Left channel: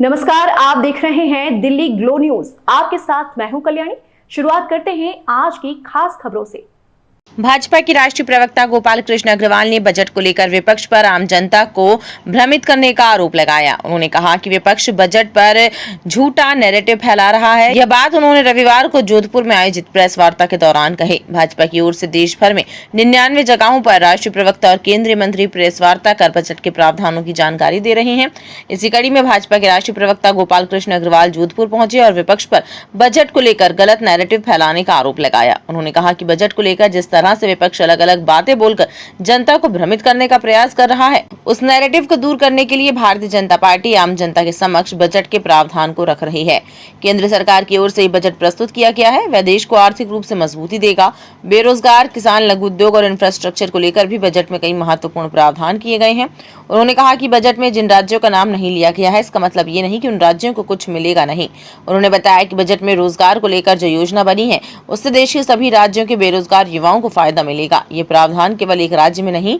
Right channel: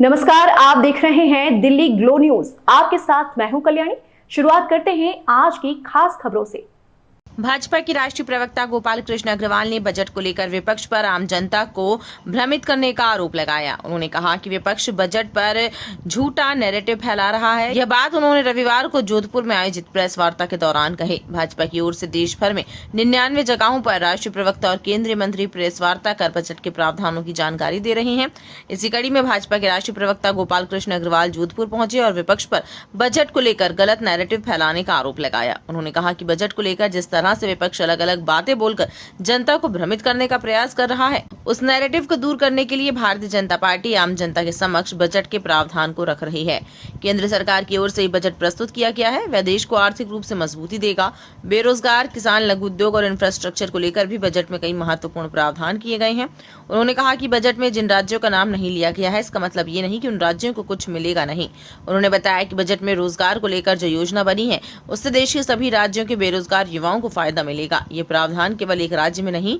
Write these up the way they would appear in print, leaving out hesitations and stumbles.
नमस्कार, आप देख रहे हैं दिल्ली ग्लो न्यूज। आपके साथ मैं हूं कल्याणी। शुरुआत करते हैं आज की खास खबरों से। भाजपा के राष्ट्रीय प्रवक्ता गोपाल कृष्ण अग्रवाल ने बजट को लेकर विपक्ष पर आम जनता को भ्रमित करने का आरोप लगाया। उन्होंने कहा कि विपक्ष बजट पर झूठा नैरेटिव फैला रहा है। यह बात उन्होंने रविवार को जोधपुर में आयोजित प्रेस वार्ता के दौरान कही। भाजपा की ओर से देश भर में 99 जगहों पर राष्ट्रीय प्रवक्ता और केंद्रीय मंत्री प्रेस वार्ता कर बजट के प्रावधानों की जानकारी दे रहे हैं। इसी कड़ी में भाजपा के राष्ट्रीय प्रवक्ता गोपाल कृष्ण अग्रवाल जोधपुर पहुंचे और विपक्ष पर बजट को लेकर गलत नैरेटिव फैलाने का आरोप लगाया। उन्होंने कहा कि बजट को लेकर जिस तरह से विपक्ष अलग अलग बातें बोलकर जनता को भ्रमित करने का प्रयास कर रहा है, उस नैरेटिव को दूर करने के लिए भारतीय जनता पार्टी आम जनता के समक्ष बजट के प्रावधान को रख रही है। केंद्र सरकार की ओर से ये बजट प्रस्तुत किया गया है। वह देश को आर्थिक रूप से मजबूती देगा। बेरोजगार, किसान, लघु उद्योग और इंफ्रास्ट्रक्चर को लेकर भी बजट में कई महत्वपूर्ण प्रावधान किए गए हैं। उन्होंने कहा कि बजट में जिन राज्यों का नाम नहीं लिया गया है, इसका मतलब ये नहीं कि उन राज्यों को कुछ मिलेगा नहीं। उन्होंने बताया कि बजट में रोजगार को लेकर जो योजना बनी है, उससे देश के सभी राज्यों के बेरोजगार युवाओं को फायदा मिलेगा। ये प्रावधान केवल एक राज्य में नहीं,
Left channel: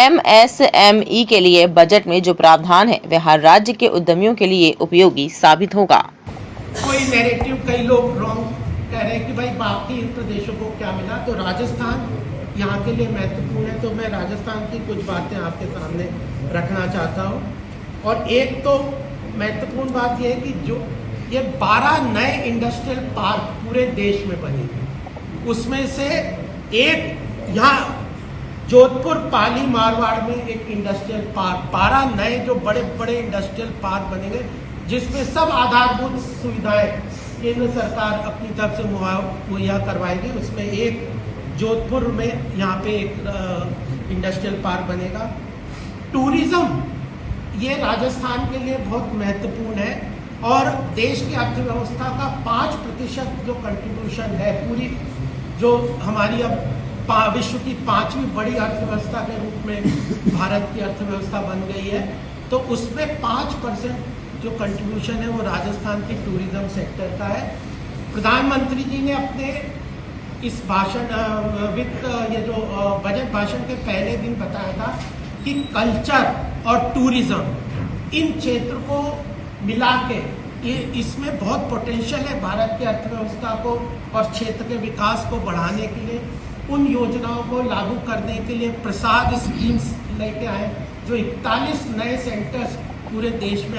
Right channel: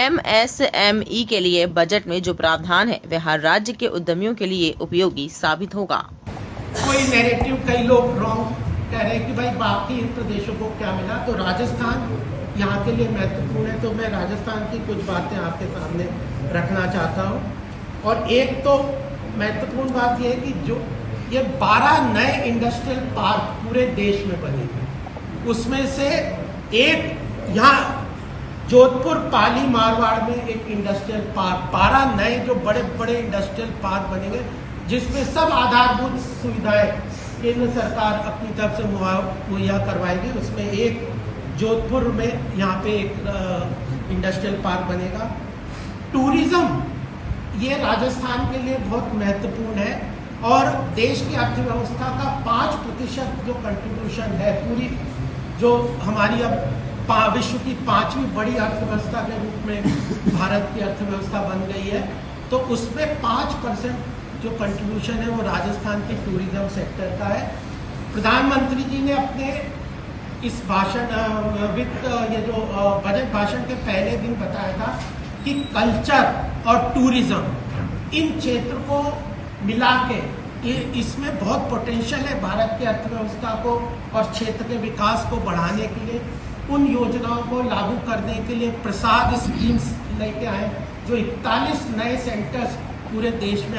MSME के लिए बजट में जो प्रावधान है वह हर राज्य के उद्यमियों के लिए उपयोगी साबित होगा। कोई नैरेटिव कई लोग रॉन्ग कह रहे हैं कि भाई बाकी प्रदेशों को क्या मिला, तो राजस्थान यहाँ के लिए महत्वपूर्ण है। तो मैं राजस्थान की कुछ बातें आपके सामने रखना चाहता हूँ। और एक तो महत्वपूर्ण बात यह है कि जो ये 12 नए इंडस्ट्रियल पार्क पूरे देश में बनेंगे, उसमें से एक यहाँ जोधपुर पाली मारवाड़ में एक इंडस्ट्रियल पार्क, 12 नए जो बड़े बड़े इंडस्ट्रियल पार्क बनेंगे, जिसमें सब आधारभूत सुविधाएं केंद्र सरकार अपनी तरफ से मुहैया करवाएगी। उसमें एक जोधपुर में यहाँ पे एक इंडस्ट्रियल पार्क बनेगा। टूरिज्म ये राजस्थान के लिए बहुत महत्वपूर्ण है और देश की अर्थव्यवस्था का 5% जो कंट्रीब्यूशन है, पूरी जो हमारी अब विश्व की 5वीं बड़ी अर्थव्यवस्था के रूप में भारत की अर्थव्यवस्था बन गई है, तो उसमें 5% जो कंट्रीब्यूशन है वो राजस्थान की टूरिज्म सेक्टर का है। प्रधानमंत्री जी ने अपने इस भाषण ये जो बजट भाषण के पहले दिन बताया था कि कल्चर और टूरिज्म इन क्षेत्र को मिला के इसमें बहुत पोटेंशियल है भारत की अर्थव्यवस्था को और क्षेत्र के विकास को बढ़ाने के लिए। उन योजनाओं को लागू करने के लिए प्रसाद स्कीम्स लेके आए, जो 41 नए सेंटर्स पूरे देश में